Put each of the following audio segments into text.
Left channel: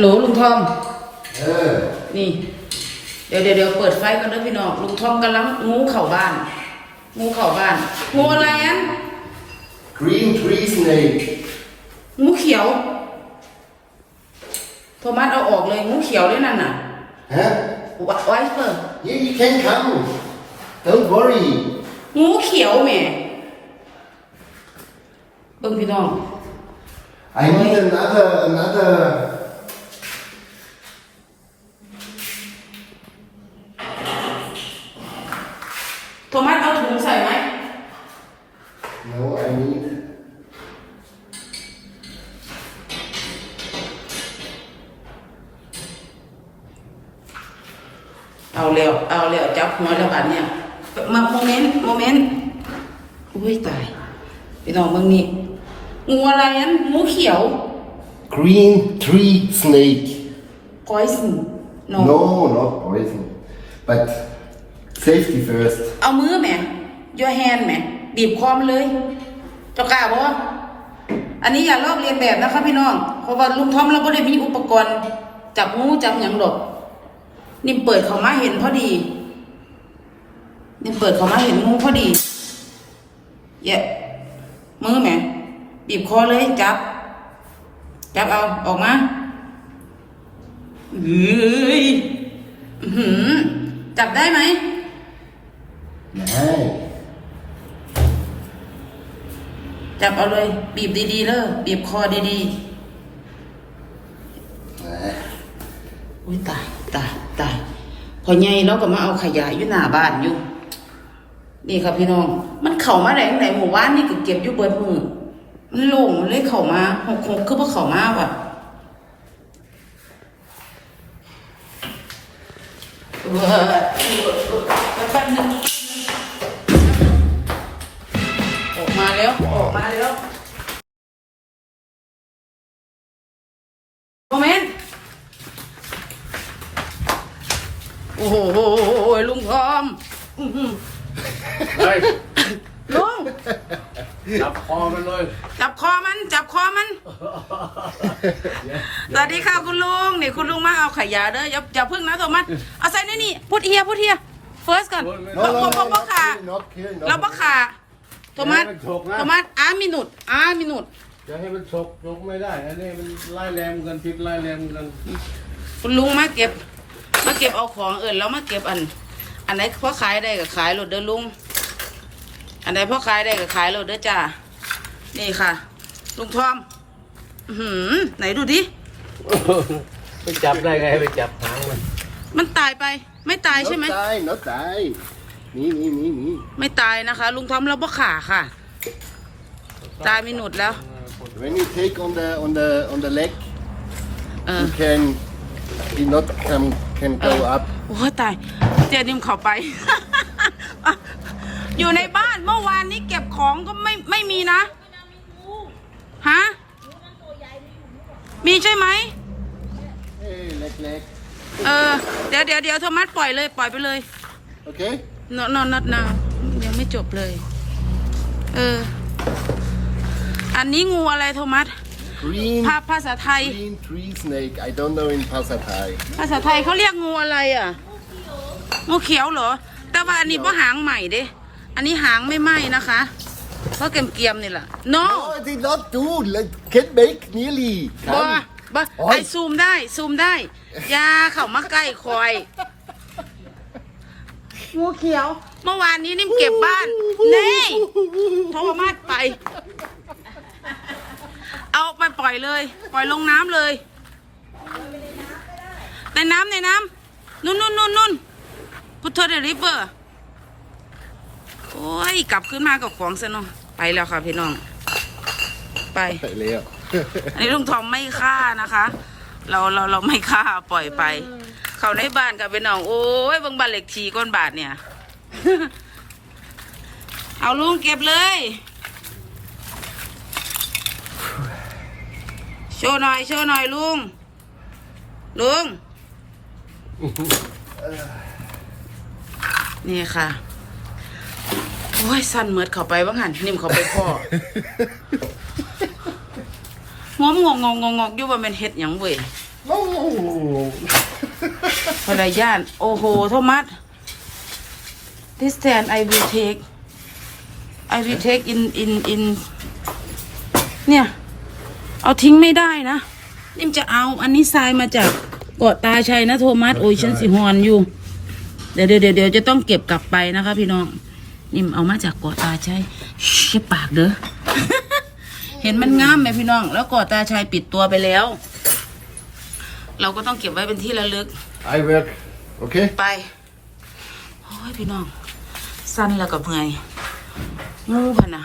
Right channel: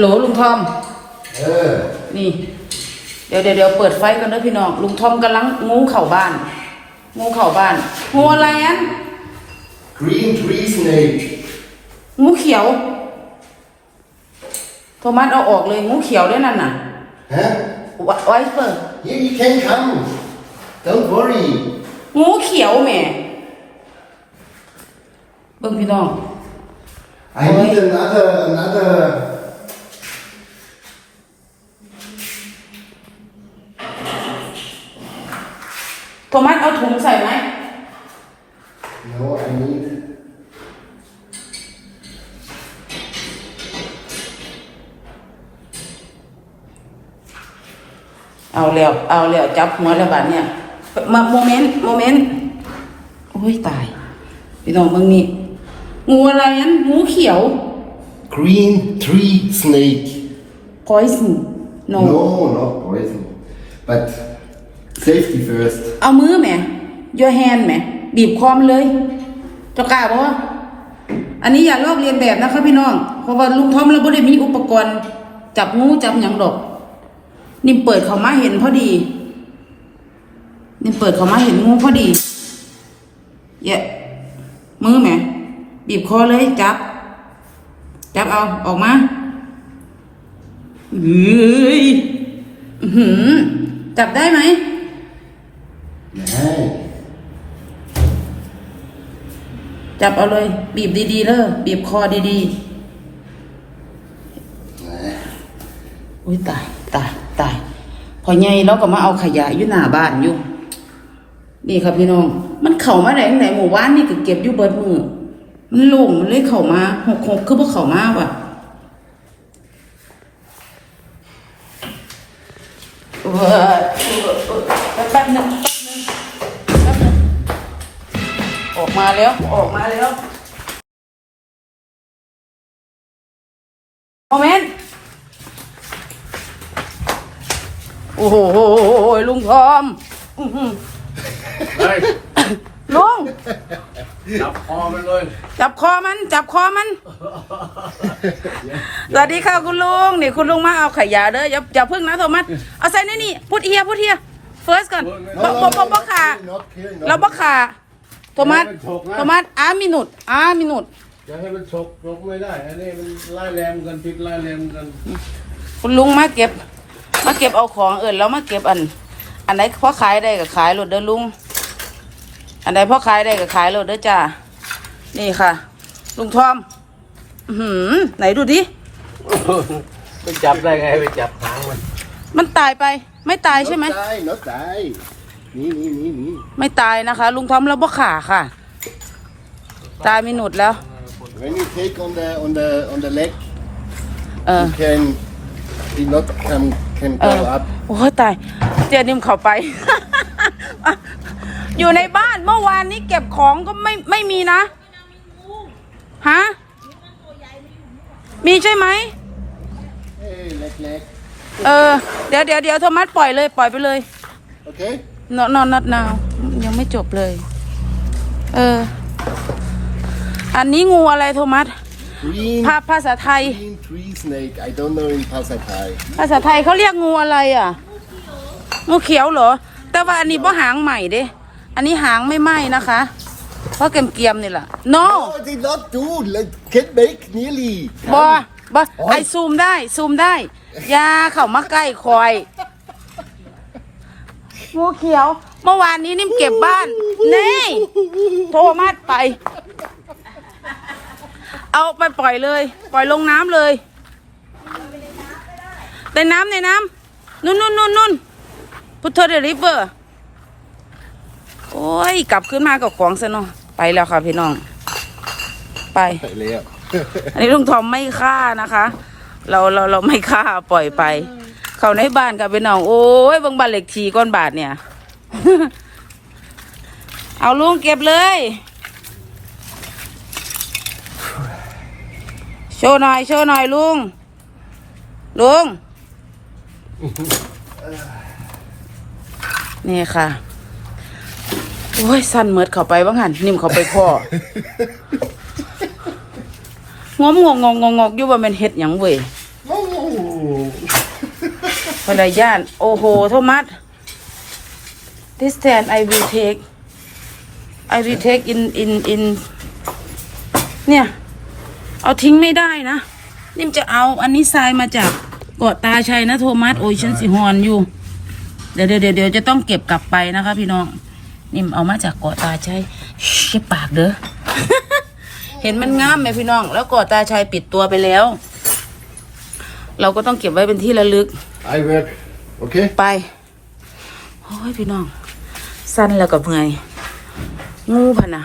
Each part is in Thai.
หลูลุงทอม เออ นี่ เดี๋ยวเดี๋ยวเดี๋ยวเปิดไฟกันนะพี่น้อง ลุงทอมกำลังงูเข่าบ้าน งูเข่าบ้าน งูอะไรอัน green tree snake งูเขียว โทมัสเอาออกเลยงูเขียวเลยนั่นน่ะ huh ไวไว้เปิด here you can come don't worry งูเขียวแหม่เบิ่งพี่น้อง I need another another โทมัสเอาถุงใส่ไหม no I need เอาแล้วเอาแล้วจับหัวแล้วบาดเนี่ยมาโมเมนต์โมเมนต์โอ้ยตายพี่น้องเบิ่งนี่งูอะไรอันงูเขียว green tree snake poison no no not poison but safety first เอามือแหม your hand แหม บีบคอมเลย เจ้ากล้าบ่อันนี้อย่าลอกเรียนแบบนะคะพี่น้อง เพราะว่าลุงทอมเราไม่ได้มีอุปกรณ์จับงูจับหยังดอก นิ่มเปิดเขามาเห็นพอดี นิ่มเปิดเขามาเห็นงูพอดีเยะมือแหม บีบคอเลยจับ จับเอาออกมาเฮ้ยหือจับได้ไหม nein จับเอาเลย บีบดีๆเลยบีบคอดีๆอุ้ยตายตายตายพอไงเราก็มาเอาขยะอยู่หน้าบ้านอยู่ นี่ครับพี่น้อง มันเข่ามาไหนไหนหมู่บ้านนี่ก็เก็บอยู่เบิดมือมันโล่งมันเลยเข่ามาหกหกคือพวกเข่ามาว่ะเว้ยแป๊บหนึง ออกมาแล้วออกมาแล้วโมเมนต์โอ้โหลุงทอมอื้อหือเฮ้ยลุงจับคอมันเลยจับคอมัน จับคอมัน สวัสดีค่ะคุณลุงนี่คุณลุงมาเอาขยะเด้ออย่าอย่าพึ่งนะโทมัสเอาใส่นี่นี่พูดเฮียพูดเฮีย first ก่อน no บ่ no บ่บ่ no บ่ขา not here not เราบ่ขา โทมัสโทมัสอามินุดอามินุดจะให้มันฉกฉกไม่ได้ อันนี้มันไล่แรมกันพิษไล่แรมกัน คุณลุงมาเก็บ มาเก็บเอาของเอิญแล้วมาเก็บอัน อันไหนพ่อขายได้ก็ขายรถเด้อลุง อันไหนพ่อขายได้ก็ขายรถเด้อจ้า นี่ค่ะ ลุงทอม อื้อหือไหนดูดิ มันจับได้ไงไปจับหางมันมันตายไป ไม่ตายใช่ไหม not die not die นี่นี่นี่นี่ไม่ตายนะคะ ลุงทอมแล้วบ่ขาค่ะ ตายไม่หนุดแล้ว when you take on the on the on the leg เออ you can he not can can เอ go อ up โอ้ยตายเจนิมเข้าไป อยู่ในบ้านเมื่อวานนี้เก็บของก็ไม่ไม่มีนะ ฮะ มีใช่ไหมเอ้ยเล็กเล็กเออ เดี๋ยวเดี๋ยวเดี๋ยวโทมัสปล่อยเลย ปล่อยไปเลยโอเค นอนนอนนัดนาวยังไม่จบเลย เออ อันนี้งูอะไรโทมัส green ภาภาษาไทย green tree snake I don't know in ภาษาไทยภาษาไทยเขาเรียกงูอะไรอะ งูเขียวเหรอ แต่ว่าอันนี้บ่หางใหม่เด้ อันนี้หางไม่ไหม้นะคะ เพราะเกรียมๆนี่แหละ no no they not do like can make nearly บอ Come. บอโอ๊ย ไอซูมได้ ซูมได้อยาเข้ามาใกล้คอย งูเขียว เมื่อวานนี้นิ่มเก็บบ้านเน่โทรมาไป เอาไปปล่อยเลย ปล่อยลงน้ำเลยในน้ำในน้ำนุ่นนุ่นนุ่นนุ่นพุทธเดริเวอร์โอ้ย กลับขึ้นมากับของซะเนาะไปแล้วค่ะพี่น้อง ไปไปแล้วอันนี้ลุงทอมไม่ฆ่านะคะ เราเราเราไม่ฆ่าปล่อยไป เขาในบ้านกับเป็นน้อง โอ้ยเบางบ้านเหล็กทีก้อนบาทเนี่ย เอาลุงเก็บเลย โชว์หน่อย โชว์หน่อยลุง ลุง นี่ค่ะ โอ้ย สั่นเหมิดเข้าไปบ้างหันนิ่มเข้าไปพ่องมงงงงงงอยู่ว่าแมันเฮ็ดหยังเว้ยงงง ภรรยาน โอ้โห โทมัส this stand I will take I will take in in in เนี่ย เอาทิ้งไม่ได้นะนิ่มจะเอาอันนี้ทรายมาจากเกาะตาชัยนะโทมัส โอ้ยฉันสิฮอนอยู่ เดี๋ยวเดี๋ยวเดี๋ยวจะต้องเก็บกลับไปนะคะ พี่น้อง นิ่มเอามาจากเกาะตาชัยชิปากเด้อ เห็นมันงามไหมพี่น้อง แล้วเกาะตาชัยปิดตัวไปแล้ว เราก็ต้องเก็บไว้เป็นที่ระลึก I will. Okay? ไป โอ้ยพี่น้อง สั้นแล้วกับเมื่อยงูพะนะ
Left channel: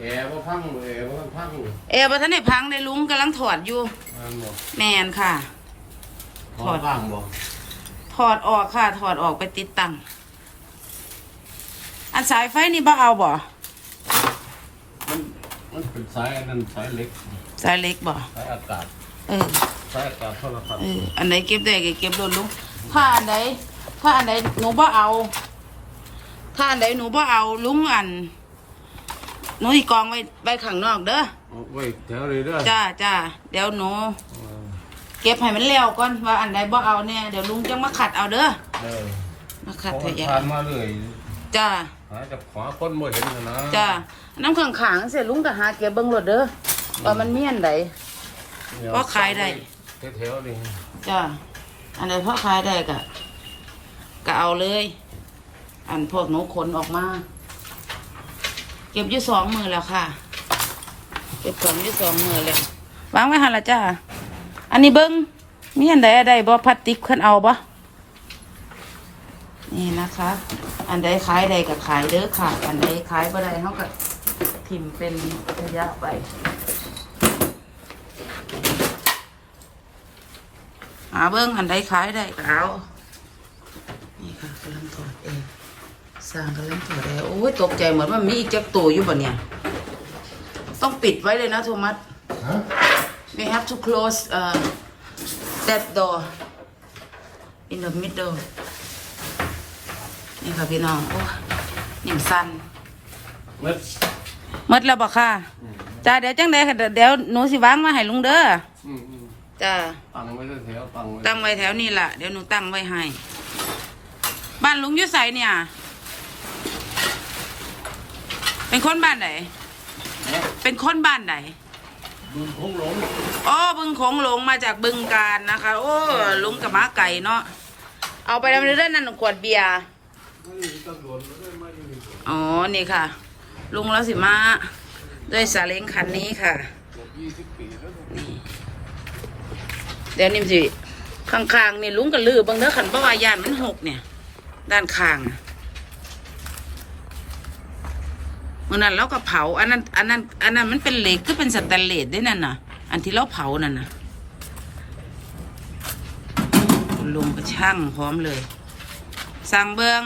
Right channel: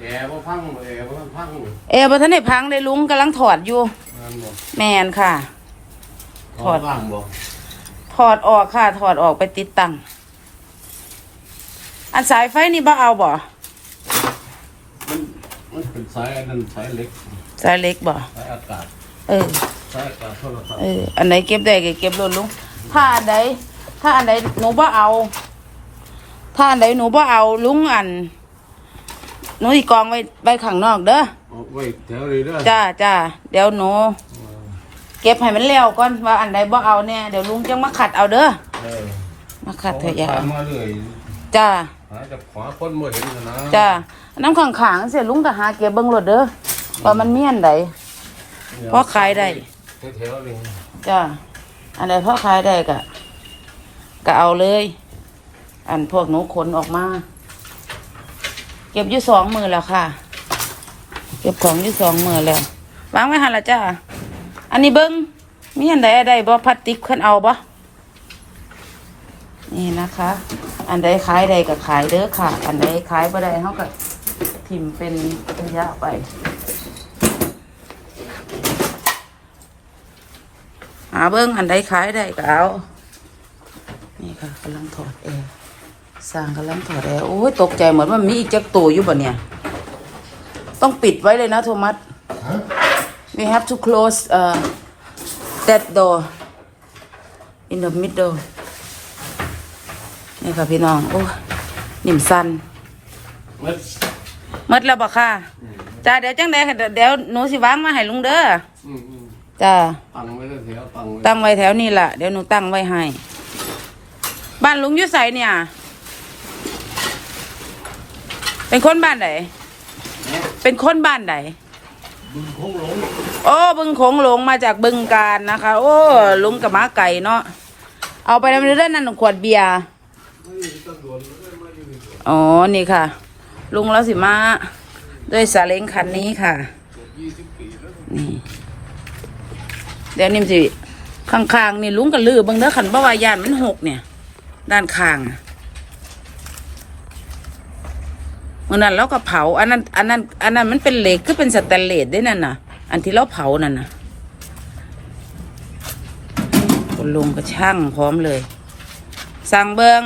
แอร์ว่าพังแอร์ว่าพังเอวบท่านได้พังเลยลุงกำลังถอดอยู่อันบอกแมนค่ะ ถอดล่างบอกถอดออกค่ะ ถอดออกไปติดตั้ง อันสายไฟนี่บ่เอาบ่ มันมันเป็นสายอันนั้นสายเล็ก สายเล็กบ่ สายอากาศ เออ สายอากาศโทรศัพท์เอออันไหนเก็บได้ก็เก็บโดนลุงถ้าอันใดถ้าอันใดหนูบ่เอา ถ้าอันใดหนูบ่เอาลุงอันหนูอีกกองไว้ไว้ข้างนอกเด้อเอาไว้แถวเลยเด้อจ้าจ้าเดี๋ยวหนู เก็บให้มันแล้วก่อนว่าอันใดบ่เอาแน่เดี๋ยวลุงจังมาขัดเอาเด้อเออมาขัดเถเขาอะยาทานมาเรื่อยจ้าหาจะขวาคนบ่เห็นนะจ้าน้ำขังขางๆเสียลุงก็หาเก็บเบิ่งรถเด้อว่ามันเมียนไดเพราะขายได้ แถวๆนี่จ้าอันใดพ่อขายได้ก็ก็เอาเลย อันพวกหนูขนออกมาเก็บอยู่สองมือแล้วค่ะ เก็บของอยู่สองมือแล้ววางไว้หันละจ้าอันนี้เบิ้งมีอันใดอันใดบ่พลาสติกขึ้นเอาบ่นี่นะคะ อันใดขายใดก็ขายเด้อค่ะ อันใดขายบ่ได้เขาก็พิมพ์เป็นระยะไป หาเบิ้งอันใดขายได้ก็เอานี่ค่ะกำลังถอดแอร์สร้างกำลังถอดแอร์โอ้ยตกใจเหมือนมันมีอีกจักตัวอยู่บ่เนี่ย ต้องปิดไว้เลยนะโทมัส Huh? we have to close uh, that door in the middle นี่ค่ะพี่น้อง โอ้ยนิ่มสันเม็ดหมดแล้วบ่ค่ะจ้าเดี๋ยวจังไดค่ะเดี๋ยวเดี๋ยวหนูสิวางมาให้ลุงเด้ออืมอืม จ้าตั้งไว้แถวๆตั้งไว้ตั้งไว้แถวนี้ล่ะเดี๋ยวหนูตั้งไว้ให้ บ้านลุงอยู่ไสเนี่ย เป็นคนบ้านไหนเป็นคนบ้านไหนบึงคงหลงโอ้บึงโขงหลงมาจากบึงการนะคะ โอ้ลุงกับม้าไก่เนาะเอาไปแล้วเรื่องนั้นหนึ่งขวดเบียร์อ๋อนี่ค่ะ ลุงแล้วสิมาด้วยสาเล้งคันนี้ค่ะนี่ เดี๋ยวนิ่มสิข้างๆนี่ลุงกับลือเบังเด้อขันบ่วายานมันหกเนี่ย ด้านข้างอะมื่อนั้นเราก็เผา อันนั้นอันนั้นอันนั้นมันเป็นเหล็กก็เป็นสแตนเลสด้วยนั่นน่ะ อันที่เราเผานั่นน่ะคุณลุงก็ช่างพร้อมเลย สั่งเบิง